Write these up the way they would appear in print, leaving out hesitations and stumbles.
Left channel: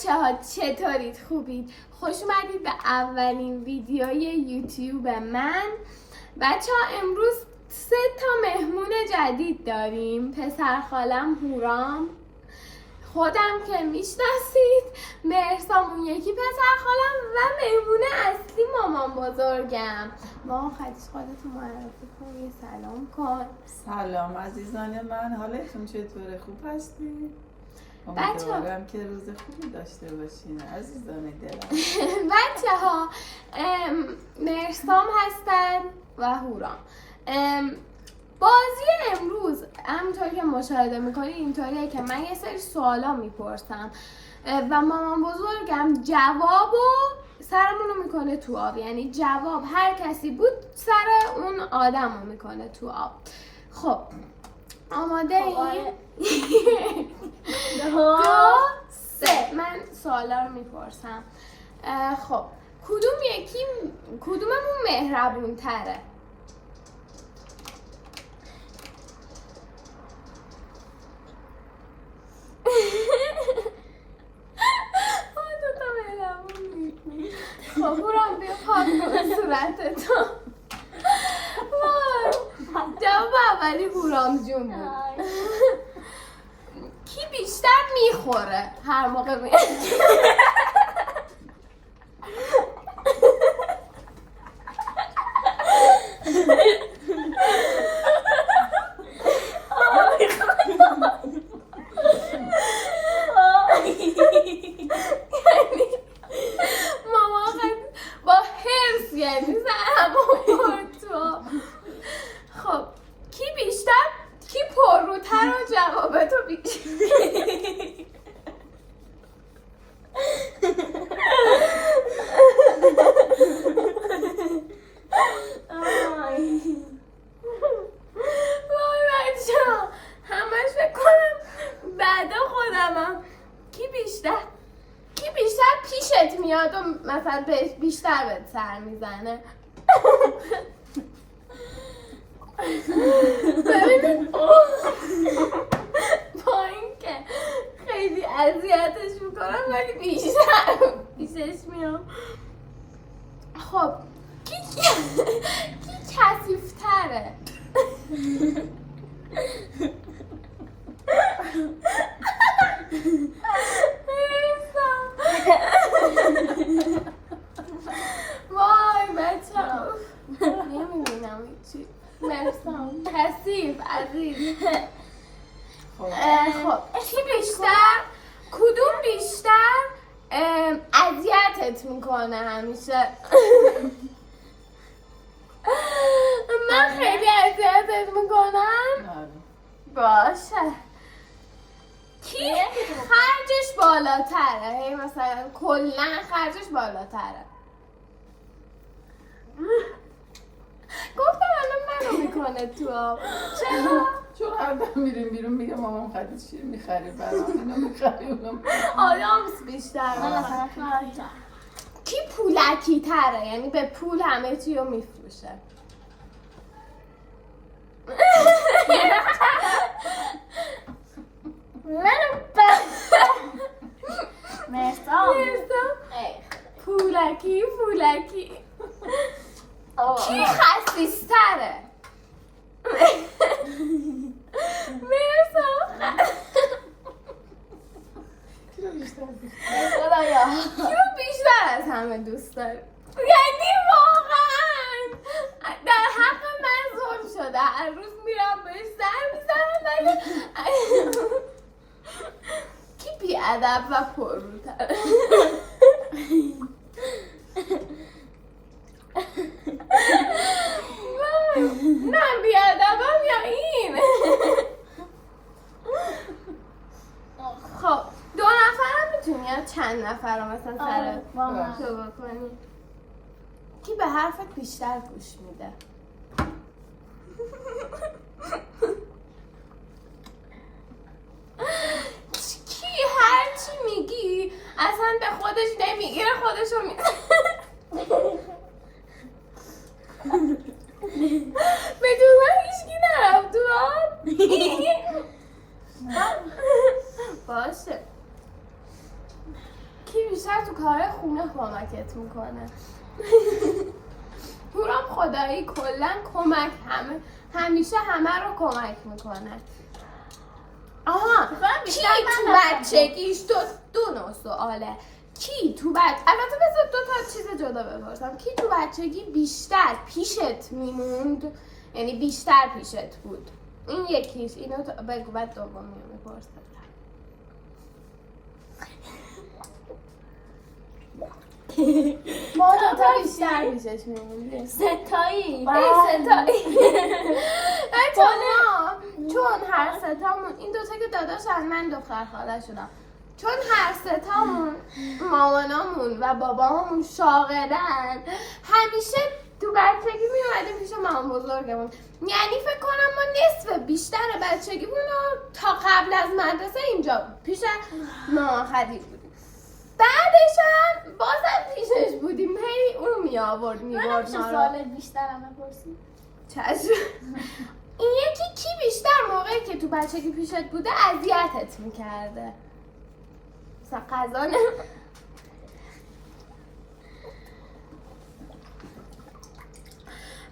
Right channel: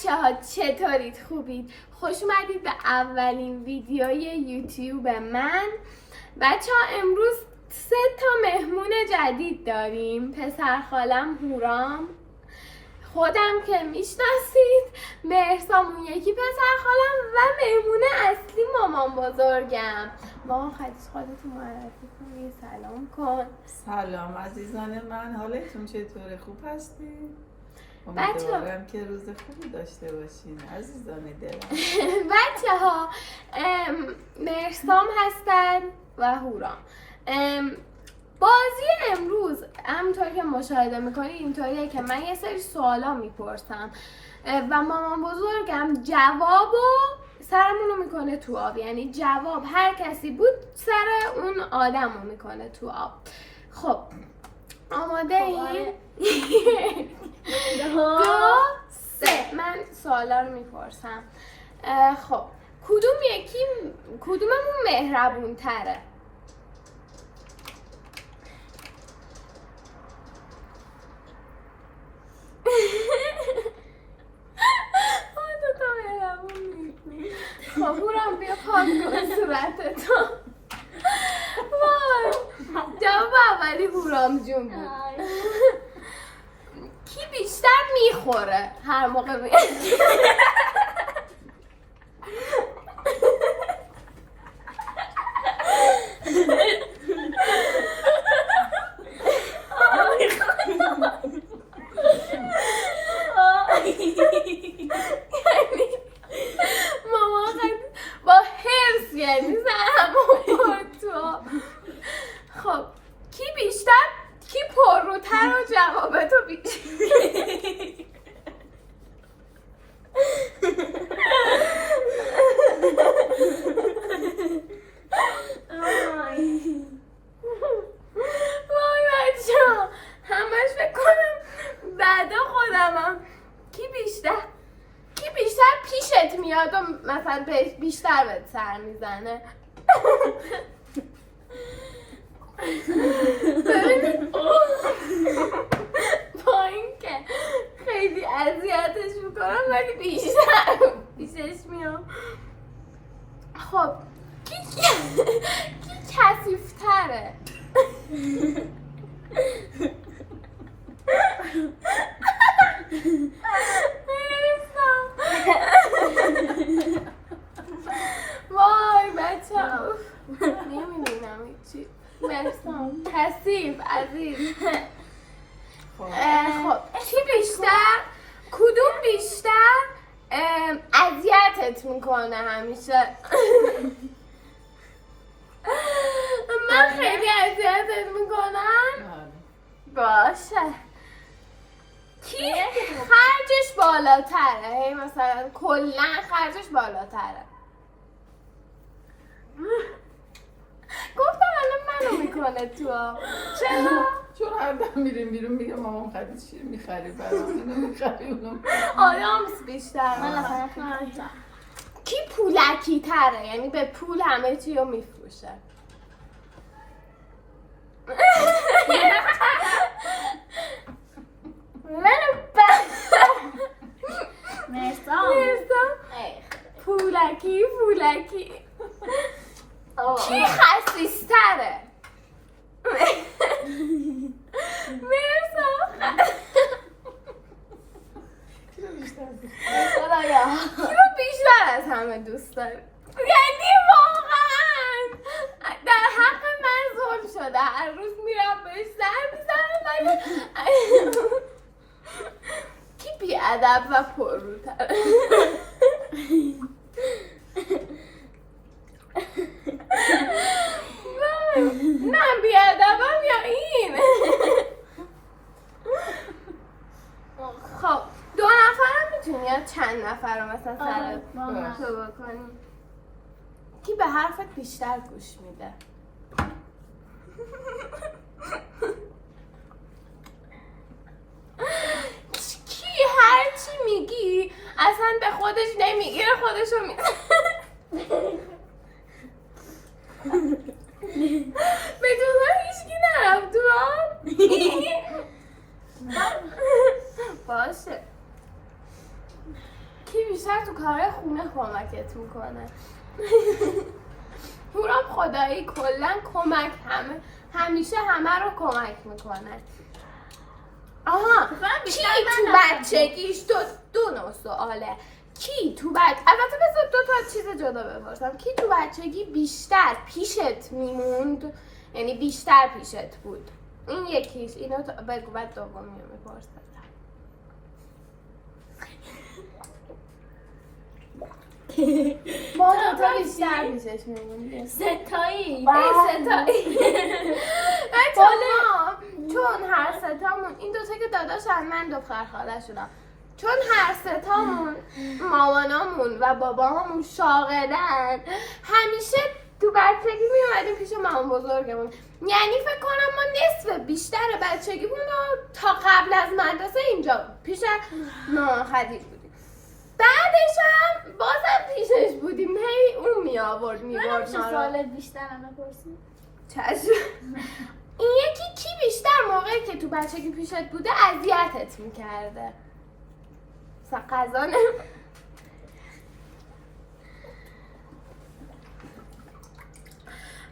بچه ها چطورید؟ خوبید؟ خوش اومدید به اولین ویدیوی یوتیوب من. بچه ها امروز 3 تا مهمون جدید داریم. پسر خالم هورام، خودم که میشناسید، مهرسام اون یکی پسر خالم و مهمون اصلی مامان بزرگم. مامان خودتون معرفی کن، یه سلام کن. سلام عزیزان من، حالتون چطوره؟ خوب هستید؟ امیدوارم که روز خوبی داشته باشین عزیزان دلم. بچه ها مهرسام هستن و هورام. بازی امروز همونطوری که مشاهده میکنید اینطوریه که من یه سری سوالا میپرسم و مامان بزرگم جوابو سرمونو میکنه تو آب، یعنی جواب هر کسی بود سر اون آدمو میکنه تو آب. خب آماده این؟ 2 3 من سوالا رو میپرسم. خب کدوممون مهربون تره؟ خب هورام بیا پاک کن صورتتو. وای جواب اولی هورام جون بود. کی بیشتر میخوره هر موقع خب کی پرروتر و جوابتو وای بچه‌ها همش فکر کنم بعدا خودمم. کی بیشتر پیشت میاد و مثلا بیشتر بهت سر میزنه؟ ببینید با این که خیلی اذیتش میکنم ولی بیشتر پیشش میام. خب کی کثیف‌تره؟ وای بچه‌ها نمی‌بینم هیچی. مهرسام کثیف عزیز. خب کدوم بیشتر اذیتت میکنه همیشه؟ من خیلی اذیتت میکنم؟ باشه. کی خرجش بالاتره؟ مثلا کلا خرجش بالاتره؟ گفتم الان منو میکنه تو آب. چرا؟ چون هر دم میریم بیرون میگه مامان خرید چیه میخری برام، اینو میخری اونو آدامس بیشتر. من اصلا کی پولکی تره؟ یعنی به پول همه چی رو میفروشه. مهرسام پولکی کی خسیستره؟ مهرسام کی رو بیشتر از همه دوست داری؟ یعنی واقعا در حق من ظلم شده. هر روز میرم بهش سر میزنم. کی بی‌ادب و پرروتره؟ نه بی‌ادبم یا این؟ خب 2 نفر میتونی یا چند نفر رو مثلا سر تو بکنی؟ کی به حرفت بیشتر گوش میده؟ کی هر چی میگی اصلا به خودش نمیگیره، خودشو میگه. به جزا هیچکی نرفت تو آب؟ باشه کی بیشتر تو کار خونه کمکت میکنه. هورام خدایی کلا کمک همیشه همه رو کمک میکنه. آها کی تو بچگیش دو نوع سواله. کی تو البته بذار 2 تا چیز جدا بپرسم. کی تو بچگی بیشتر پیشت میموند، یعنی بیشتر پیشت بود؟ این یکیش. اینو بگو بعد دومی رو بپرسم. ما تا بیشتر پیشش میموندیم. ستایی. چون هر ستامون این 2 تا که داداشن، من دختر خاله شدم، چون هر ستامون مامانامون و باباهامون شاغلن، همیشه تو بچگی میومدیم پیش مامان بزرگمون. یعنی فکر کنم ما نصف بیشتر بچگیمون رو تا قبل از مدرسه اینجا پیش مامان خدیج بودیم. بعدش هم بازم پیشش بودیم، هی اون می آورد من سوال بیشتر هم بپرسیم. چشم. این یکی کی بیشتر موقعی که تو بچگی پیشت بوده اذیتت میکرده؟ غذا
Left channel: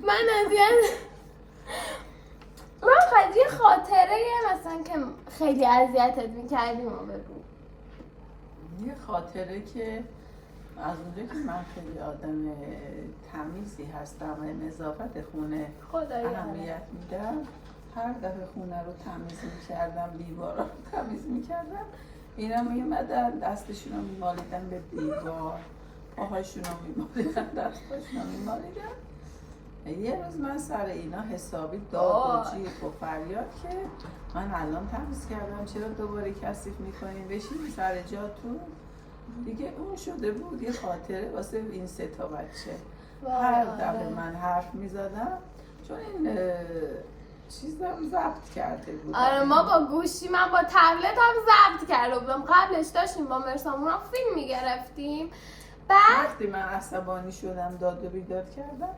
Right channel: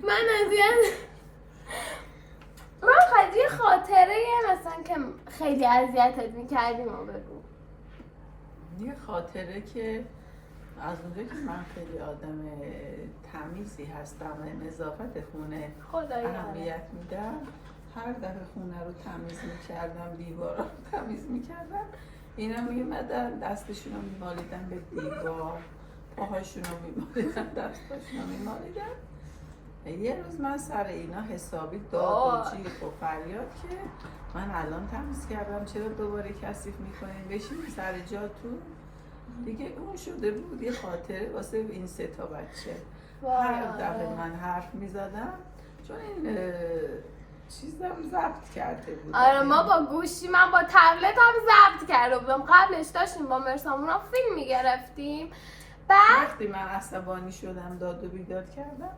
من خیلی خاطره مثلا که خیلی اذیتت میکردیم و بگو. یه خاطره که از اونجا که من خیلی آدم تمیزی هستم و نظافت خونه اهمیت میدم، هر دفعه خونه رو تمیز میکردم، دیوارا رو تمیز میکردم، اینا میمدن دستشون رو میمالیدن به دیوار، پاهاشون رو میمالیدن، دستاشون رو میمالیدن. یه روز من سر اینا حسابی داد و جیغ و فریاد که من الان تمیز کردم چرا دوباره کثیف میکنین، بشین سر جاتون دیگه. اون شده بود یه خاطره واسه این 3 تا بچه. هر دفعه من حرف میزدم، چون این چیزم ضبط کرده بود. آره ما با گوشی، من با تبلت هم ضبط کرده بودم. قبلش داشتیم با مرسامورا فیلم میگرفتیم. وقتی من عصبانی شدم داد و بیداد کردم،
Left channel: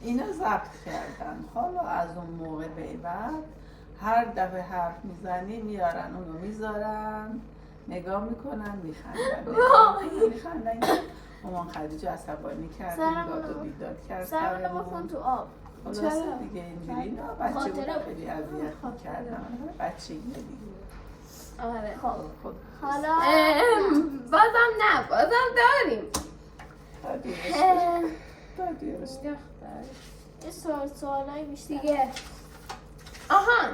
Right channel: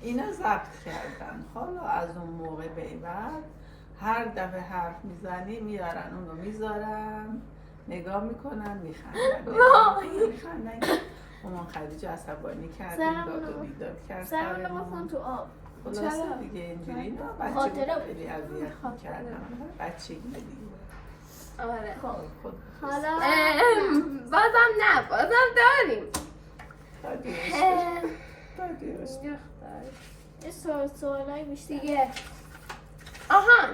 اینا ضبط کردن. حالا از اون موقع به بعد هر دفعه حرف میزنی میارن اونو میذارن، نگاه میکنن، میخندن. مامان خدیجه عصبانی کردیم، داد و بیداد کرد سرمون تو آب. خلاصه دیگه اینجوری اینا بچه خیلی اذیت میکردن. بچگی دیگه. آره حالا بازم داریم. یه سوالای بیشتر دیگه. آها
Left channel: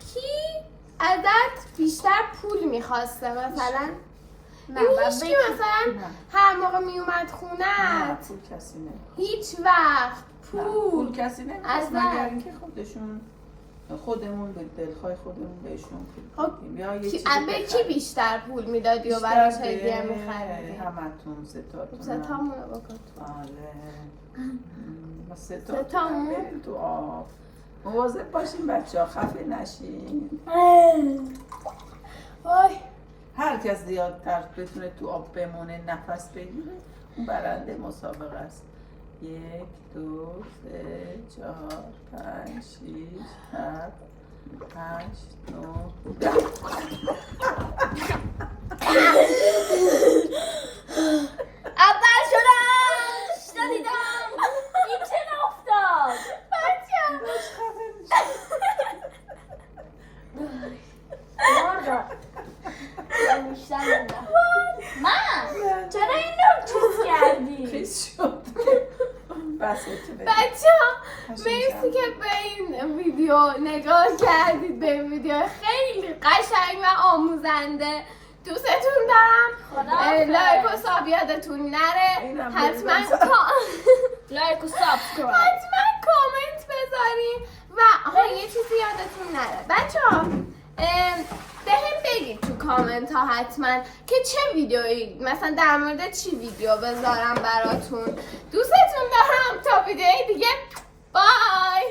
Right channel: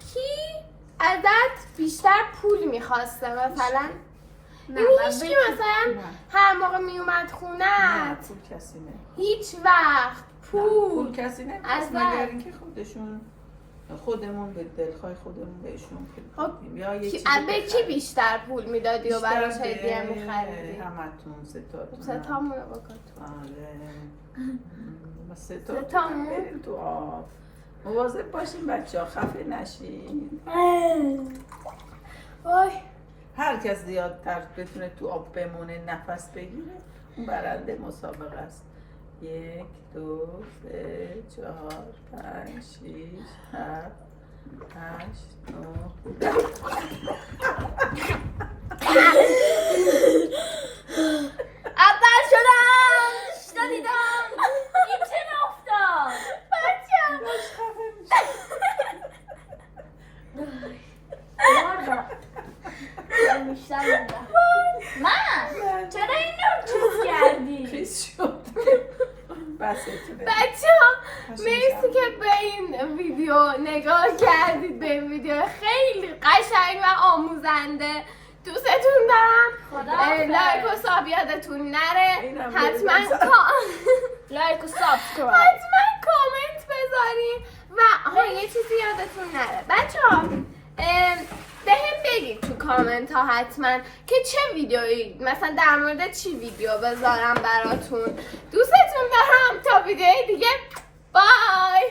کی ازت بیشتر پول میخواسته مثلا؟ هیچی مثلا هر موقع میومد خونه نه پول کسی نه، هیچ وقت پول کسی نمیخواست مگر اینکه خودمون به دلخواه خودمون بهشون بدیم یا یه چیزی به کی بیشتر پول میدادی و براش هدیه میخریدی؟ همتون 3 تاتون. 3 تامون رو بکن. آره 3 تاتون بریم تو آب. مواظب باشین بچه ها خفه نشین. هر کس زیادتر بتونه تو آب بمونه نفس بگیره اون برنده مسابقه است. 1 2 3 4 5 6 7 8 9 اول شدم شدیدم. این چه افتاد من چرا این رو چیز کردی؟ خیس شد. بچه ها مرسی که به این ویدیو نگاه کردید. به این ویدیو خیلی قشنگ و آموزنده. دوستتون دارم. لایک و ساب یادتون نره. حتما لایک و سابسکرایب، حتما کامنت بذارین و یه چیزی یادتون نره بچه ها، بهم بگید تو کامنت ها حتما که چه ویدیویی مثلا در مورد چی ویدیو بذارم براتون. دوستتون دارم. تا ویدیوی دیگه بای.